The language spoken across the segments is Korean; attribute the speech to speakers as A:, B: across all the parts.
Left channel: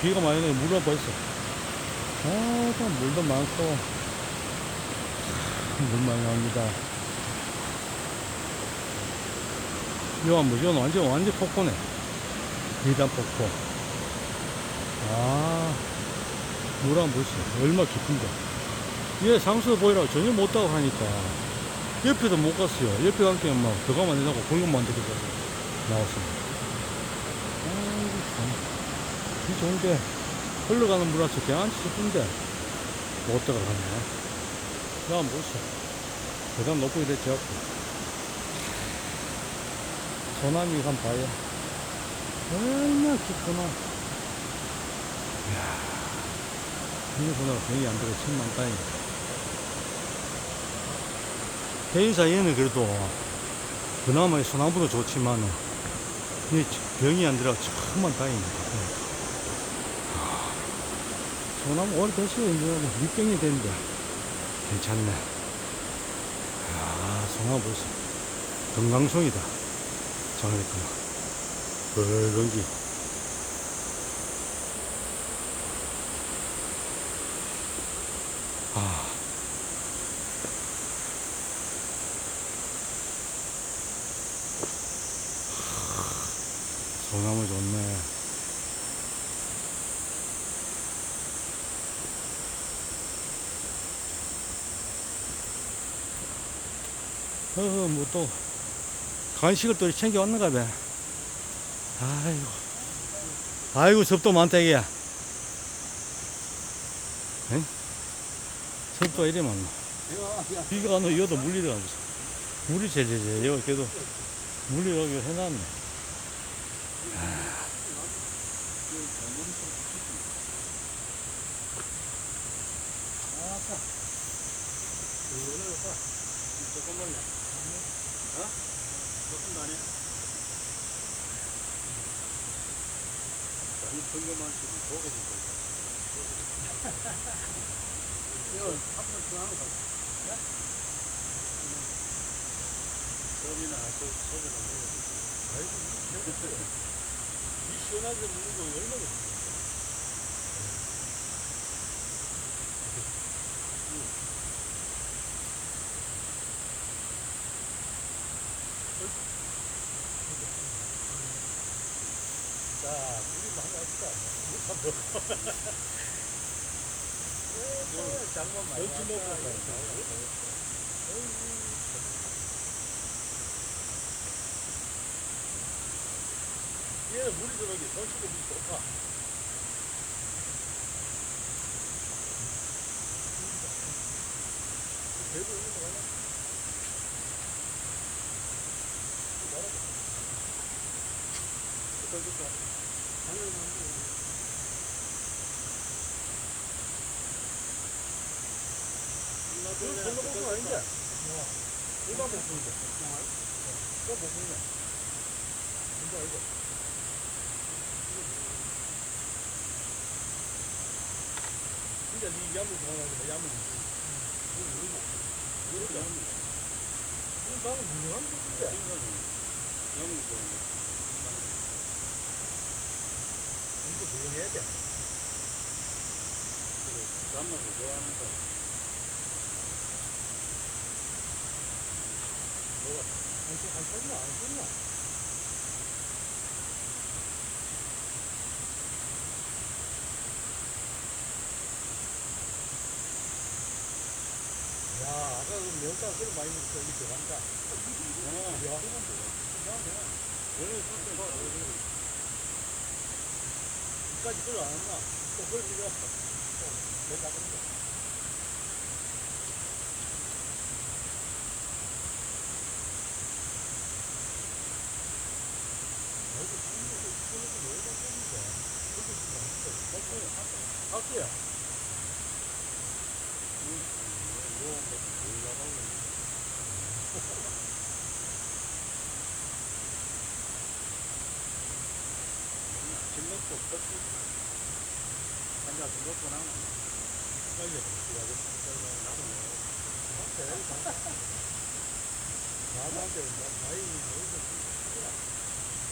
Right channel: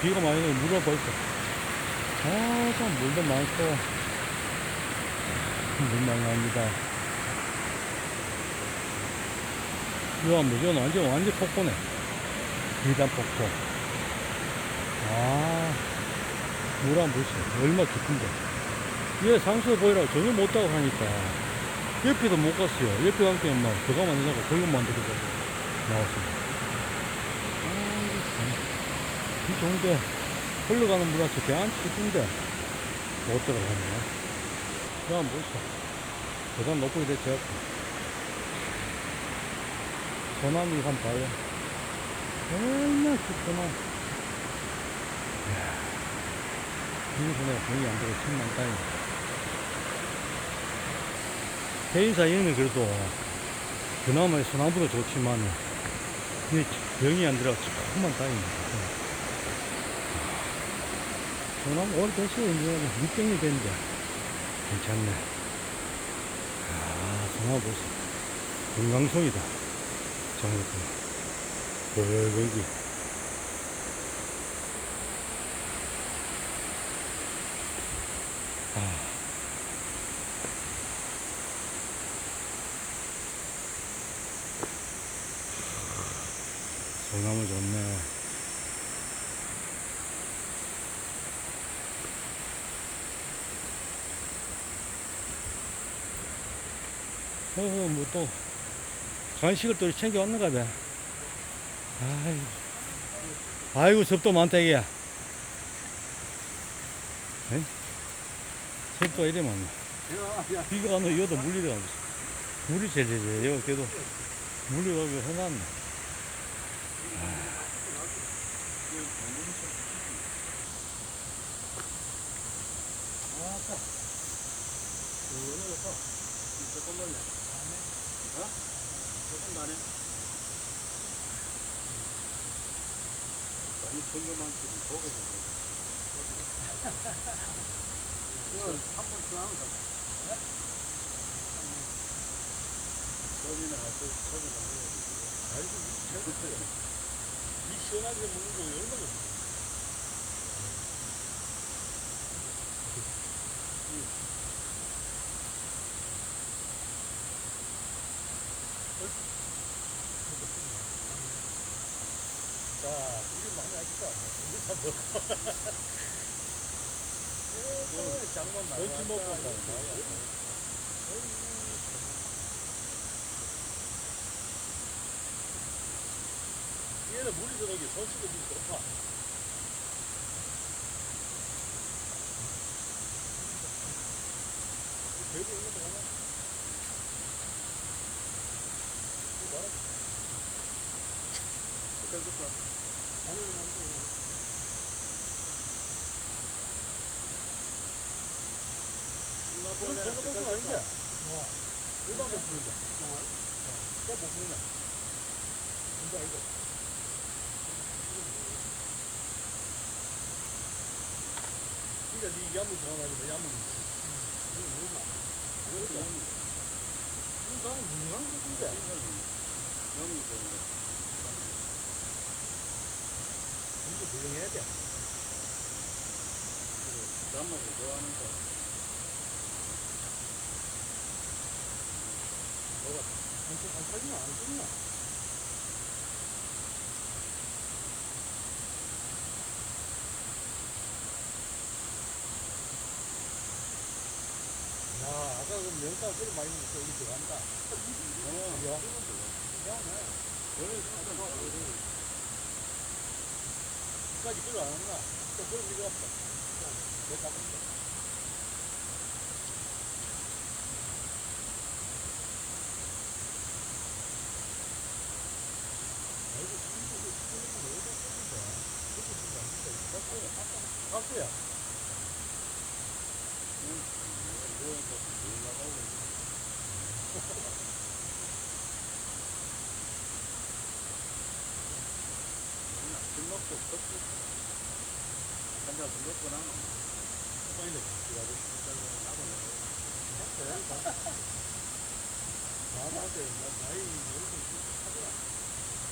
A: 비가 많이 오면 물가 벌써. 아, 참, 물도 많고. 물 많이 나옵니다. 이거 뭐지? 완전, 완전 폭포네. 비단 폭포. 아, 물한 보시죠. 얼마 깊은데. 얘 상수 보이라고 전혀 못 따고 하니까. 옆에도 못 갔어요. 옆에 갈때 막 들어가만 하려고 거기만 들어가 나왔습니다. 비 좋은데, 흘러가는 물한테 대한치 싶은데, 못 들어가네. 나 한번 보시죠. 대단 높고 이래, 제 앞에. 소나미 한번 봐요. 얼마나 깊구나. 이야, 비소나가 병이 안 들어, 천만 다행이다. 개인 사이에는 그래도 그나마 소나무도 좋지만 이게 병이 안 들어 천만 다행입니다. 아, 소나무 오래됐어요. 이제 뭐 밑병이 됐는데 괜찮네. 아, 소나무 벌써 건강송이다. 장례구나. 거기. 아. 소나무 좋네. 어, 뭐 또, 간식을 또 챙겨왔는가 봐. 아이고. 아이고, 섭도 많다, 이게. 에? 섭도 이래 많나. 비가 안 오고, 여도 가 물이 제일 제일, 여기 그래도 여기 해놨네. 조금만 내. 어? 조금 나네. 아니, 성경만 지금 보게 된 거야. 이거 한번 잡아. 예? 저기나 저 가면 아이고 재밌어요. 이 시원하게 먹는 거 얼마나 자, 우리 많이 왔다. 물다 먹어. 오, 장만 많이 왔다. 먹고 얘는 물이 저기 손 씻고 물이 좋다. 배구 이런 거 가나? 이거 말아봐. 좋다. 당연히 안 돼. 그럼 전복은 아닌데? 일반 복숭인데. 또 복숭이냐? 뭔지 알고. 진짜 네 야물 좋아하는데 야물 이거 얼마? 이거 나는 좋아하는데. 이거 조용해야 돼. 그래, 단맛을 좋아하는 사람. 뭐가, 한, 한 살이나 안 썼나? 야, 아까 그 명사 그리 많이 먹었어. 이게 들어간다. 어, 야. 이상하네. 원래 진짜 이까지 끌어 안 왔나? 또 필요 없어. 또, 내가 근데. 아이고, 이거 왜 이렇게 꽂는데? 그렇게 쓰면 안 된다. 깎아야. 깎아야. 응, 이거 뭐, 올라가고. 먹고 커피 한잔 먹고 나면 빨리 들어가고 나도 나한테 나이 여기서 하더라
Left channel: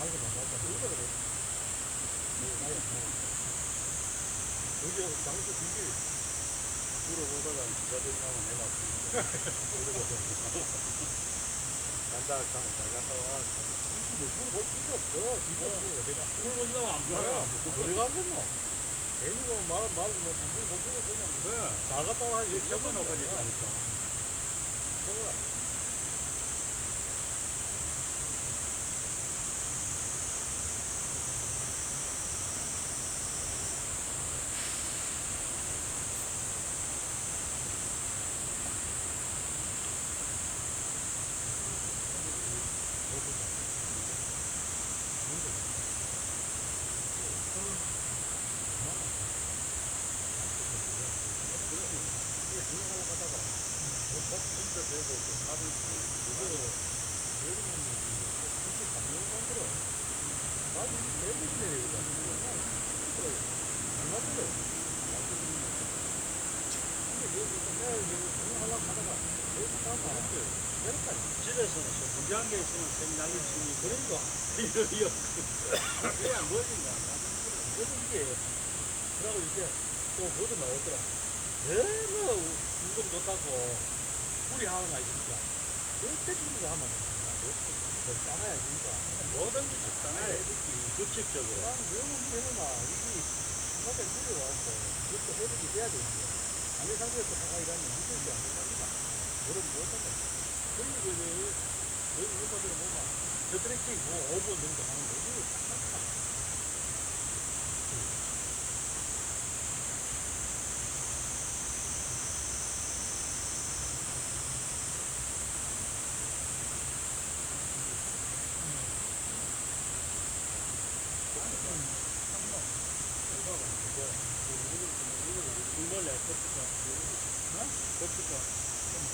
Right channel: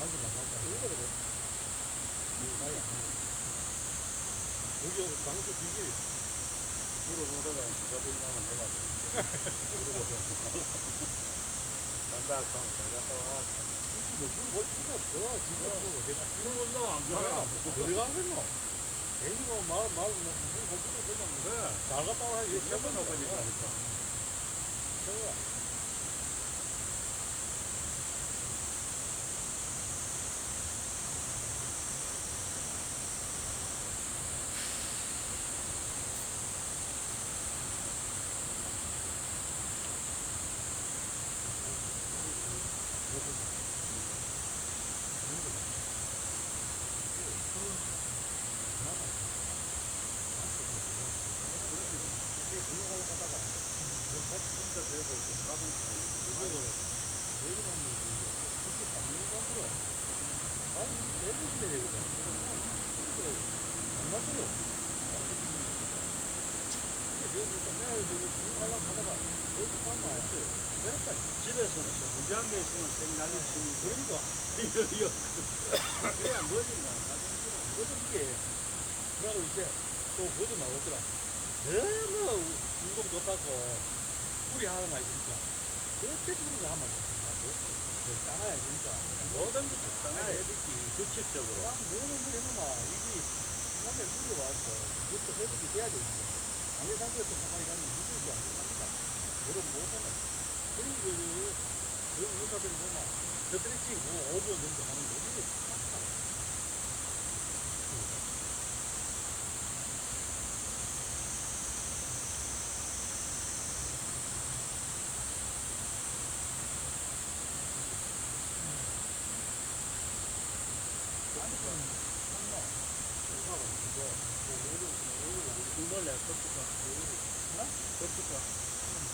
A: 안 맞다 이거거든 나이 안
B: 여기 장수 비기 물어보다가 기가 되냐면 내가 물어보다가 간다 하면 잘 갔다 와. 뭐 물어볼 필요 없어. 진짜 뭐 내가 물어본다고 안 가라. 뭐 어디 가겠노? 괜히 뭐 말, 말, 뭐, 물어볼 필요 그냥 그래. 잘 갔다 와. 이렇게 적어놓고 있다니까. 적어 그래도 좀 받은 그거 왜 그러냐면 그렇게 받는 사람들은 많이 내주시면 되거든. 이거 안 맞아요. 근데 여기 좀 내가 이거 주문하려고 하다가 여기 가면 내렸다. 집에서는 문제한 게 있으면 좀 날리지. 그러니까 이거 그냥 뭐든가 뭐든 이게 그러고 이제 또 뭐도 나오더라. 너무 운동 좋다고 우리 하나가 있으니까 주는 거 하면 적당해야 진짜 뭐든 지 적당해야 되지 규칙적으로. 아 너무 우리 해놓으면 이게 중간에 물이 와갖고 그것도 회복이 돼야 되지 아무리 상태에서 가가 일하면 힘들지 않습니까 그럼 못하네 그리고 그 저희 의사들이 보면 뭐 5분 정도 하는 거이 중벌레 커피가 어? 커피가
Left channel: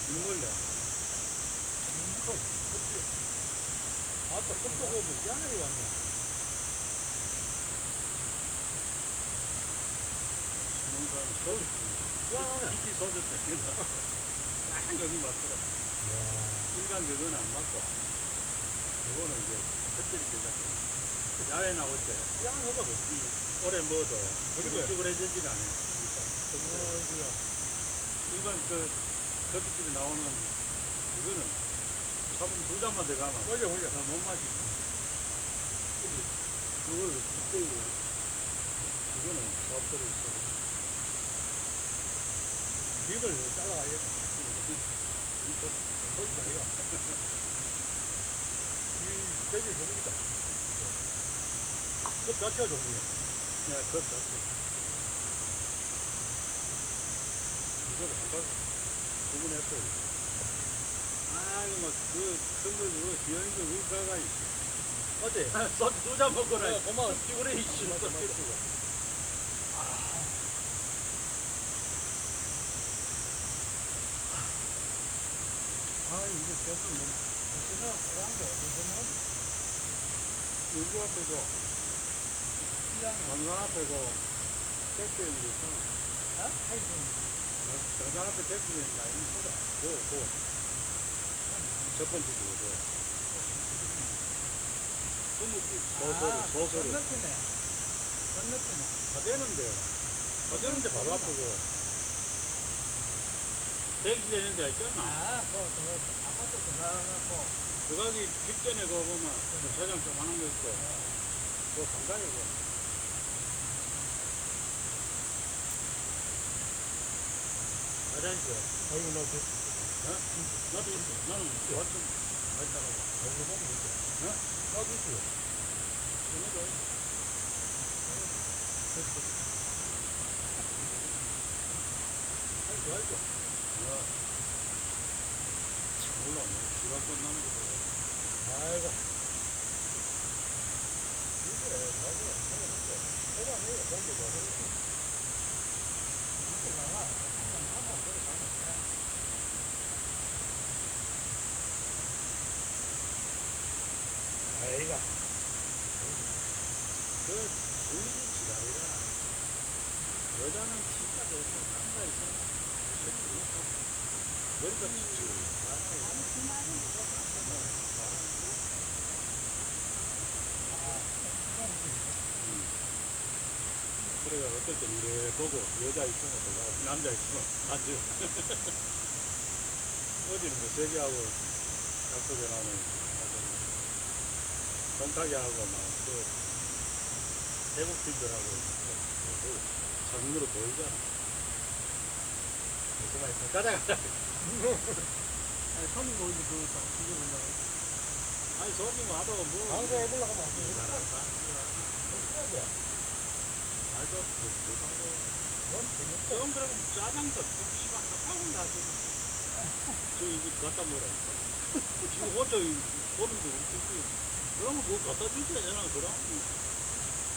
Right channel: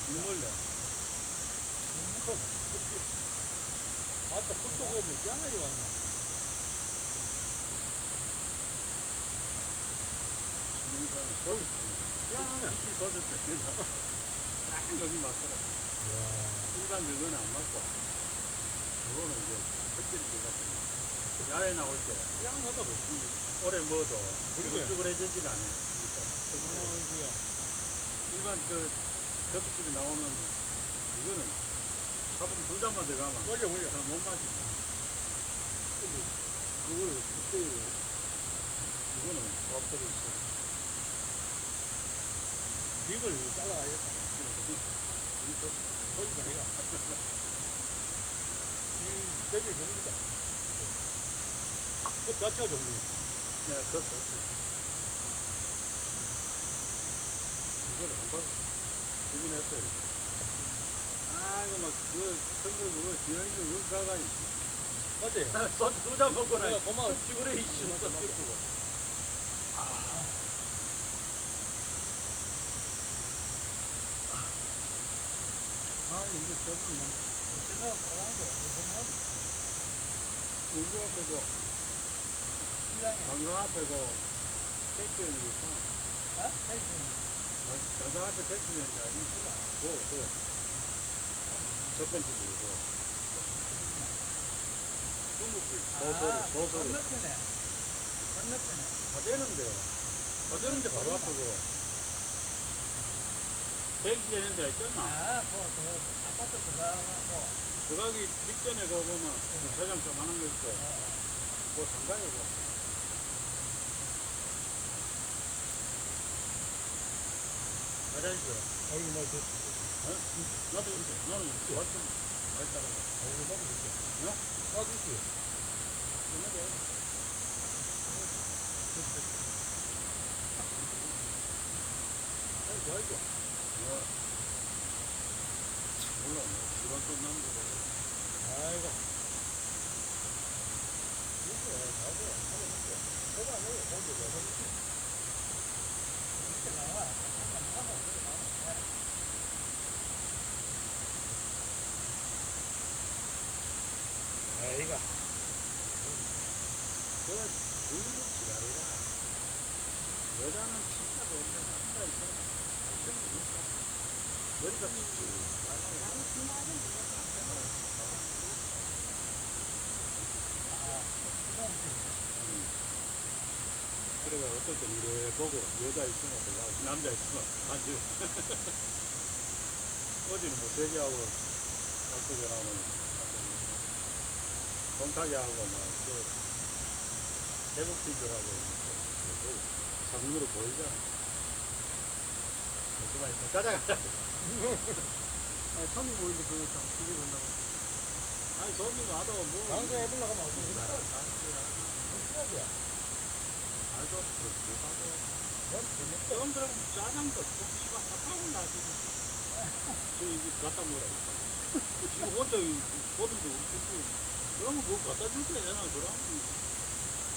B: 중벌레 컵 커피 아따 컵도 오면 짠하게 왔네. 짠하네 이끼 서졌다. 딱 여기 맞더라. 일반 그건 안 맞고. 그거는 이제 햇빛이 되잖아 야외 나올 때. 짠하다고 오래 먹어도
C: 그러게.
B: 쭈글쭈글해지지가 않아요 그러니까 일반 그 커피집에 나오는 이거는 사분 두 잔만 들어가면 올려 올려. 못 마시고. 근데 그걸 그때 이거는 밥들이 있어 립을 잘라야겠다. 소리가 아니라 이 돼지 종류다 그 자체가 종류야 네, 그 자체 이거를 한번 구분했어요. 아, 이거 막, 그, 선거 그거, 기현이 그, 여기 가가, 어때? 소주 두잔. 내가 고마워. 피곤해, 이씨. 맞다. 아, 이게 저는 뭐, 빨간 게 어디서 나오지? 여기 앞에고, 강강 앞에고, 택배 있는 거 있잖 아. 장상 앞에 택시 되는 게 아니구나. 고, 고. 첫 번째 고, 중국집 보소리, 보소리.
C: 건너편에 건너편에
B: 다 되는데. 다 되는데 바로 앞이고. 대기 되는 데가 있잖아.
C: 아그 그 아파트 들어가고
B: 들어가기 직전에 거 보면 회장 조만한 거 있고. 그 상당이고. 화장실.
C: 아이고 나 저,
B: 어? 나도 있어. 나는 많이 따라가.
C: 아이고 나도 있어
B: 어?
C: 나도 있어
B: 그래도 아이고, 아이고. 야. 몰라, 뭐, 시간 끝나는 거 보고.
C: 아이고 이게 나도 하면 이제 해가 안 해요 공개가 이렇게 나와 아이가
B: 그, 불리는 지랄이라. 여자는 진짜 너무 앉아있어. 머리가 cikcik하고. 그래가 어떨 때 이래 보고 여자 있으면 또 가고 남자 있으면 앉아. 어제는 뭐 세계하고 약속 전화는 동탁이하고 막그 팀들하고 뭐 자문으로 보이잖아. 그만 있어. 가자 가자.
A: 아니, 손님 모이는데 그거 다 기계 건다고.
B: 아니 손님 와도 뭐.
A: 방송 해보려고 하면 안 되니
B: 못하고.
A: 넌 재밌어.
B: 그럼 그럼 짜장도 좀 씨발 핫하고 나지. 저 이거 갖다 먹으라. 이거 혼자 보는데 우리 그러면 그거 갖다 줄때 되나 그럼?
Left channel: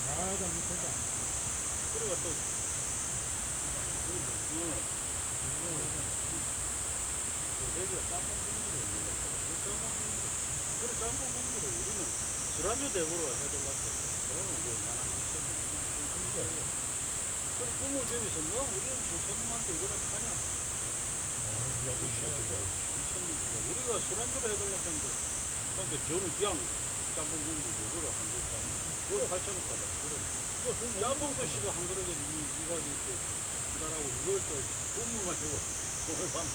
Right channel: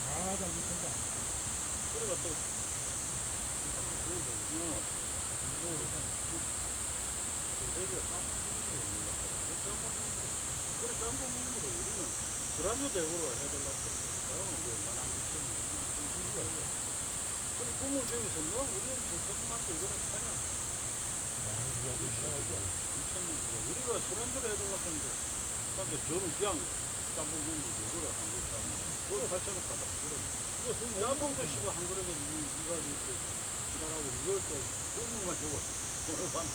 A: 아, 나 못한다.
B: 그래가 또. 응. 대기가 짬뽕 먹는 거. 짬뽕 국물. 그래 짬뽕 국물을 우리는 드라마 대구로 해달라고. 그러면 뭐 만한 거 그래 국물 대고서 뭐 우리는 그 소금한테 이거는 파냐? 우리가 술안주를 해달라고 했는데 근데 저는 그냥 짬뽕 국물 이거를 한 그릇 하면 그걸 8천 원 받아. 그래. 짬뽕 대시가 한 그릇에 이, 이가 이렇게 기다라고 이걸 또 국물만 주고 돈을 받나.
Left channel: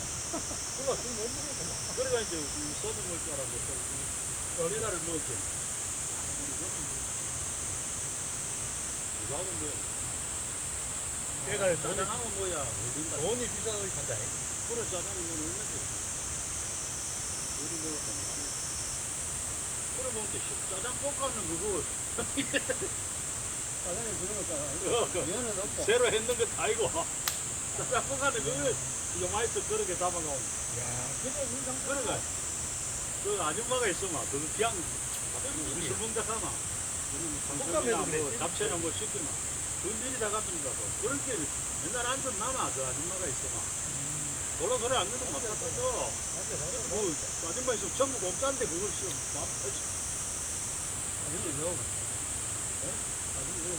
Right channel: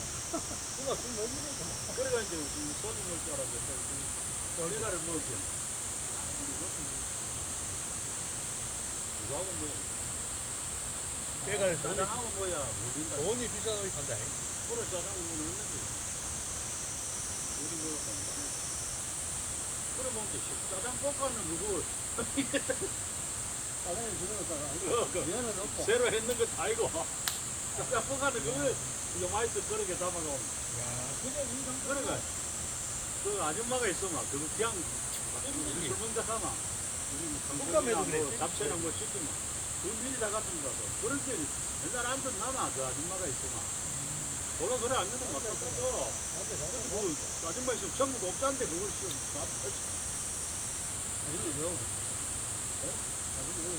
A: 그거 술못 먹으니까.
B: 그래가 이제 이 소주 먹을 줄 알았는데 또 우리나라를 먹었지. 아, 이거는 이거 하고 뭐
A: 걔가
B: 짜장하고 뭐야.
A: 돈이 비싸서 산다.
B: 그래 짜장은 뭐 얼마지? 우리 먹었던 거 그래 먹는데 짜장 볶아는 그거
A: 짜장에 그러다가
B: 어, 그
A: 면은 없고.
B: 새로 했는 거다 이거. 짜장 볶아는 그거 이거 맛있어 그렇게 담아가
A: 야, 그냥 인상
B: 그래가. 그 아줌마가 있어마 그거 그냥 우리 술 먹다 가 뭐
A: 그랬지?
B: 잡채나 뭐 시키마 그 미리 다 같은 거서 그렇게 맨날 앉은 남아 그 아줌마가 있어마 몰라 소리 안 듣는 거
A: 맞아.
B: 뭐 아줌마 있으면 전국 없다는데 그걸 지금 밥 터지
A: 아직도 요. 아직도 요.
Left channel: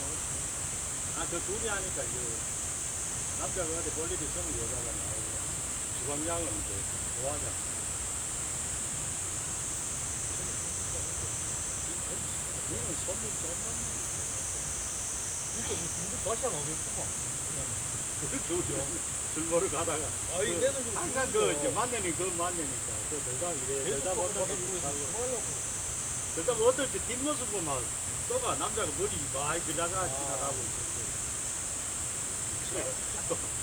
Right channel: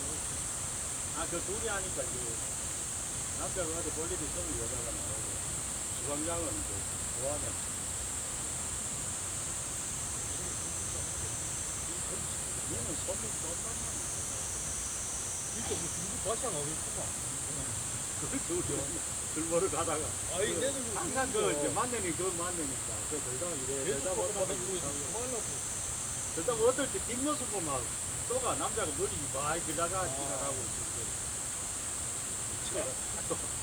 B: 아그 둘이 하니까 이제 남자가 어디 볼일 있으면 여자가 나오고 주방장은 이제 좋아하냐 얘는 선물 쏜단
A: 진짜 뭐 중국 맛이 안 오겠구만.
B: 말이야 그술 먹으러 가다가
A: 아이,
B: 그
A: 내는 그
B: 항상 그 이제 만나니 그 만나니까 그 들다 이래 들다 보다.
A: 뭐 하려고.
B: 들다 어떨 때 뒷모습 보면 또가 남자가 머리 많이 그자가 지나가고 있는데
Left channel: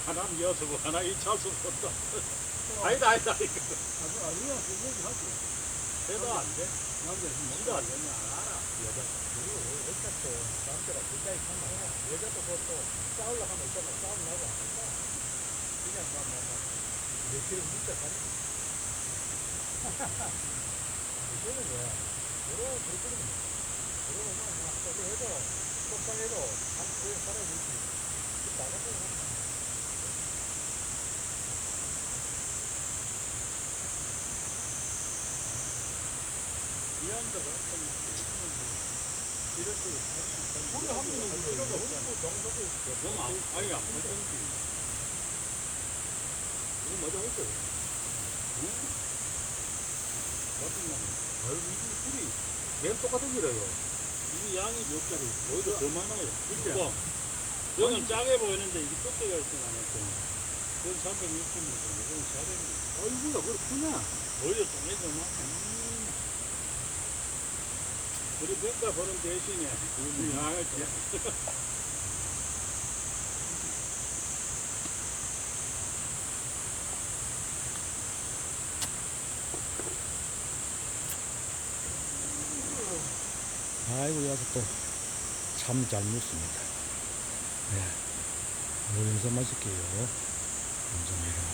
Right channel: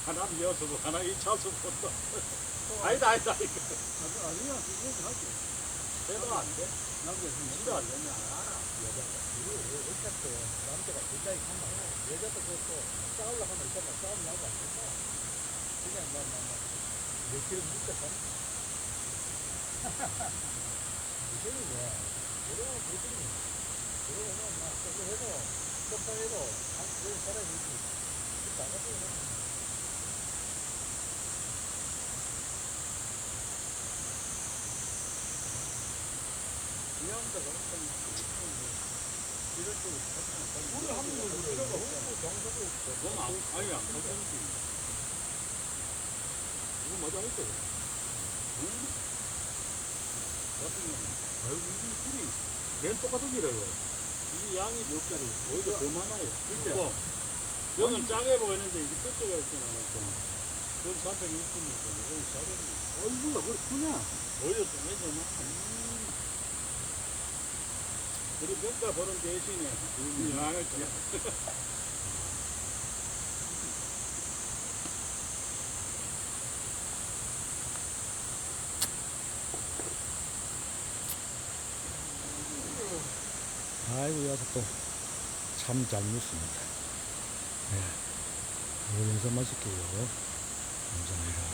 B: 하나는 여수고 하나 이차수고 또 아니다 아니다 이거
A: 아주, 아주야, 그거 하지.
B: 해도 안 돼
A: 남자 지금
B: 지도 안 되냐 알아 여자가
A: 그리고 어차피 남자가 굉장히 가면 여자도 그것도 싸우려고 하면 있잖아. 싸움 나고 안 된다. 그냥 막, 막, 막. 며칠 묻자 가는 요새는 왜, 여러 그렇거든. 그러고 막, 막, 저기 해도, 속상해도, 한, 그래, 살아야 되지. 그 나가서 하면.
B: 이 남자가 어떤 이럴 때
A: 우리 한국은 그 필요가 없고, 있어.
B: 너무 안 아니 안 그런지
A: 이거 맞아, 했어.
B: 응? 같은 양 아유 이 술이 맨 똑같은 기래요 이 양이 몇 개리 오히려 더 많아요 그때 여기는 짜게 보이는데 이게 끝대가 있진 않았고 그건 360이니까 이건 400이
A: 어이구야, 그렇구나.
B: 오히려 좀더 많아 우리 평가 보는 대신에 음. 아, 그냥.
D: 아이고, 여서 또참 잘 묻습니다. 네. 우리 해서 마실게요. 감사합니다.